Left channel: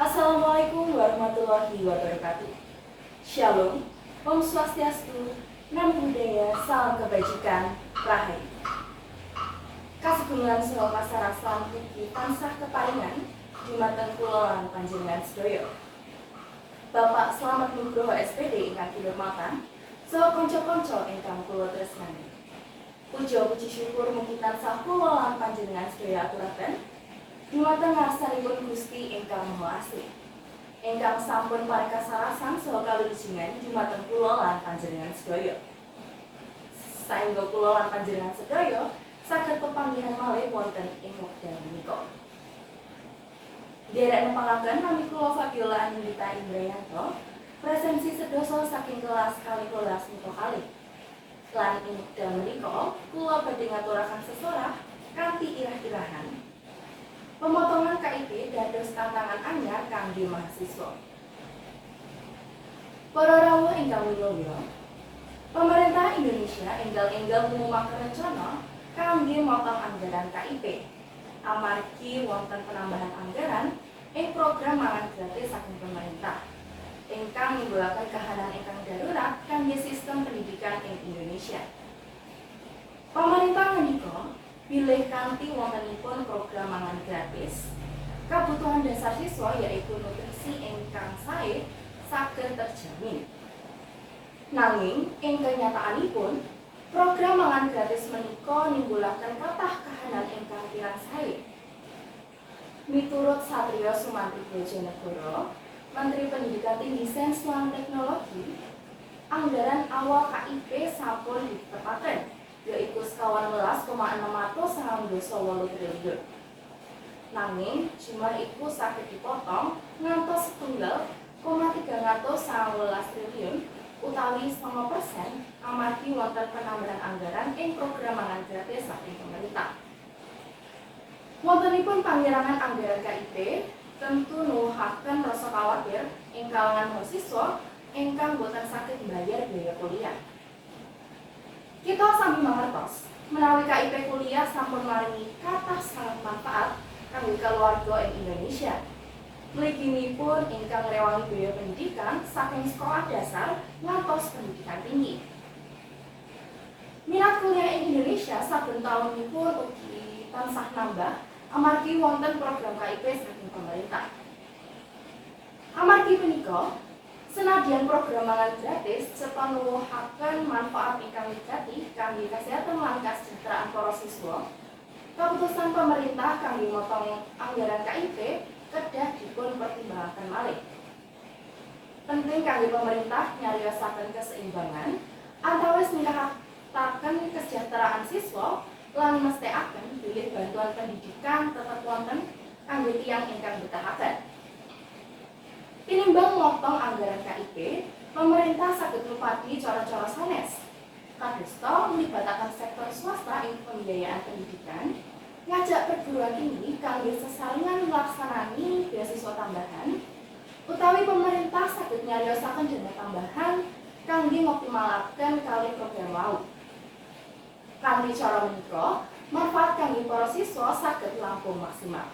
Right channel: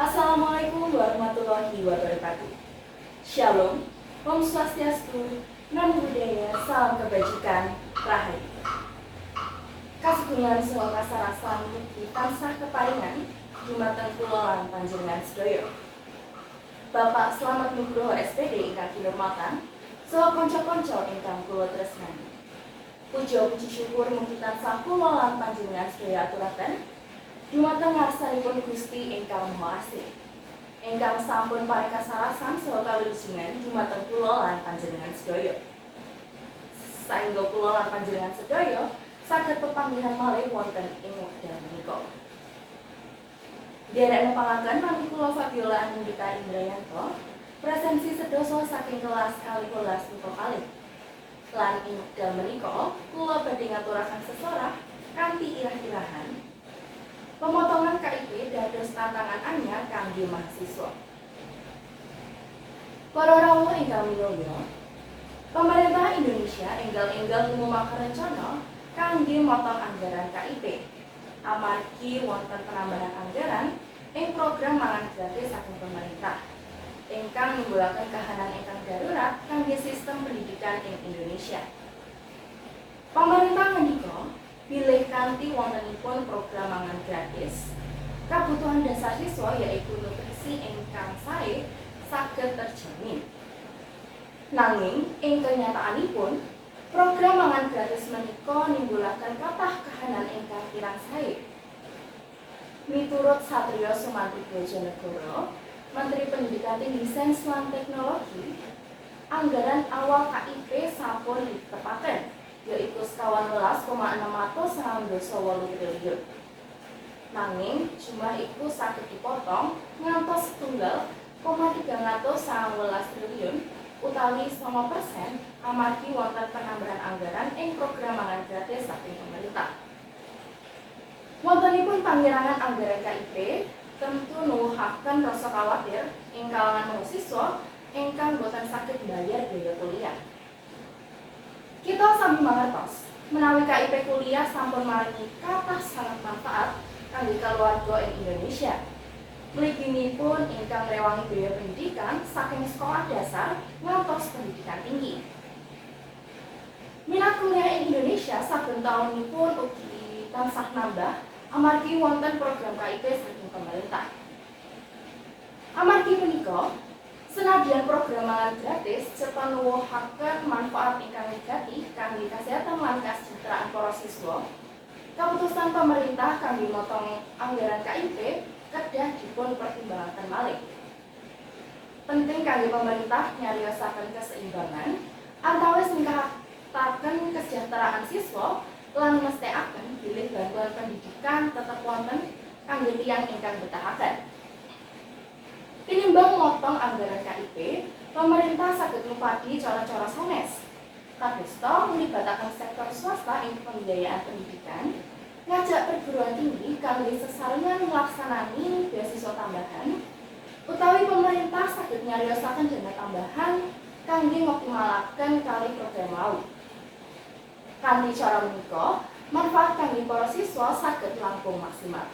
Assalamualaikum warahmatullahi wabarakatuh. Shalom, Om Swastiastu, Namo Buddhaya, Salam Kebajikan, Rahayu. Kasugungan saha kasarasan mugi tansah keparingan dumateng kula lan panjenengan sedaya. Bapak Slamet Nugroho SPD ingkang kinurmatan, saha kanca-kanca ingkang kula tresnani. Puja puji syukur mugi tansah kula lan panjenengan sedaya aturaken dumateng ngarsanipun Gusti ingkang Maha Asih, ingkang sampun paring kasarasan saha kawilujengan dumateng kula lan panjenengan sedaya. Saéngga kula lan panjenengan sedaya saged pepanggihan malih wonten ing wekdal menika. Derek nepangaken nami kula Fabiola Anindita Indrayanto, presensi sedasa saking kelas 12 MIPA kalih. Lan ing wekdal menika kula badhe ngaturaken sesorah kanthi irah-irahan pemotongan KIP dados tantangan anyar kangge mahasiswa. Para rawuh ingkang minulya, pemerintah Indonesia enggal-enggal ngumumaken rencana kangge motong anggaran KIP amargi wonten penambahan anggaran ing program mangan gratis saking pemerintah ingkang nimbulaken kahanan ingkang darurat kangge sistem pendidikan ing Indonesia. Pemerintah menika bilih kanthi wontenipun program mangan gratis, kebutuhan dasar siswa yaitu nutrisi ingkang sae saged terjamin. Nanging ing kenyataanipun, program mangan gratis menika nimbulaken kathah kahanan ingkang kirang sae. Miturut Satrio Sumantri Bojonegoro, Menteri Pendidikan Tinggi Sains lan Teknologi, anggaran awal KIP sampun ditepaken yaitu 11,698 triliun. Nanging jumlah iku saged dipotong ngantos 1,319 triliun utawi 9% amargi wonten penambahan anggaran ing program mangan gratis saking pemerintah. Wontenipun pangirangan anggaran KIP tentu nuwuhaken rasa khawatir ing kalangan mahasiswa ingkang boten saged mbayar biaya kuliah. Kita sami mangertos menawi KIP kuliah sampun maringi kathah sangat manfaat kangge keluarga ing Indonesia. Mliginipun ingkang ngrewangi biaya pendidikan saking sekolah dasar ngantos pendidikan tinggi. Minat kuliah ing Indonesia saben taunipun ugi tansah nambah amargi wonten program KIP saking pemerintah. Amargi punika, senadyan program mangan gratis serta nuwuhaken manfaat ingkang wigati kangge kesehatan lan kasejahteraan para siswa, keputusan pemerintah kangge motong anggaran KIP kedah dipun pertimbangaken malih. Penting kangge pemerintah nyariosaken keseimbangan antawis ningkataken kesejahteraan siswa lan mestekaken bilih bantuan pendidikan tetep wonten kangge tiyang ingkang betahaken. Tinimbang motong anggaran KIP, pemerintah saged ngupadi cara-cara sanes. Kadosta mlibataken sektor swasta ing pembiayaan pendidikan, ngajak perguruan tinggi kangge sesarengan nglaksanani beasiswa tambahan, utawi pemerintah saged nyariosaken dana tambahan kangge ngoptimalaken kalih program wau. Kanthi cara menika, manfaat kangge para siswa saged langkung maksimal.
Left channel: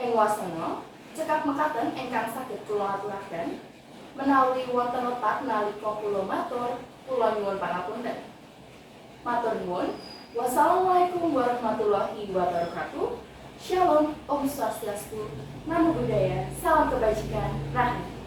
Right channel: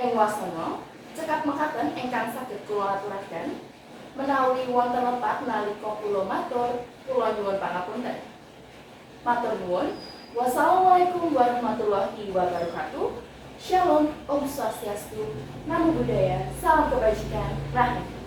Ing wasana cekap mekaten ingkang saged kula aturaken, menawi wonten lepat nalika kula matur, kula nyuwun pangapunten. Matur nuwun. Wassalamualaikum warahmatullahi wabarakatuh. Shalom, Om Swastiastu, Namo Buddhaya, Salam Kebajikan, Rahayu.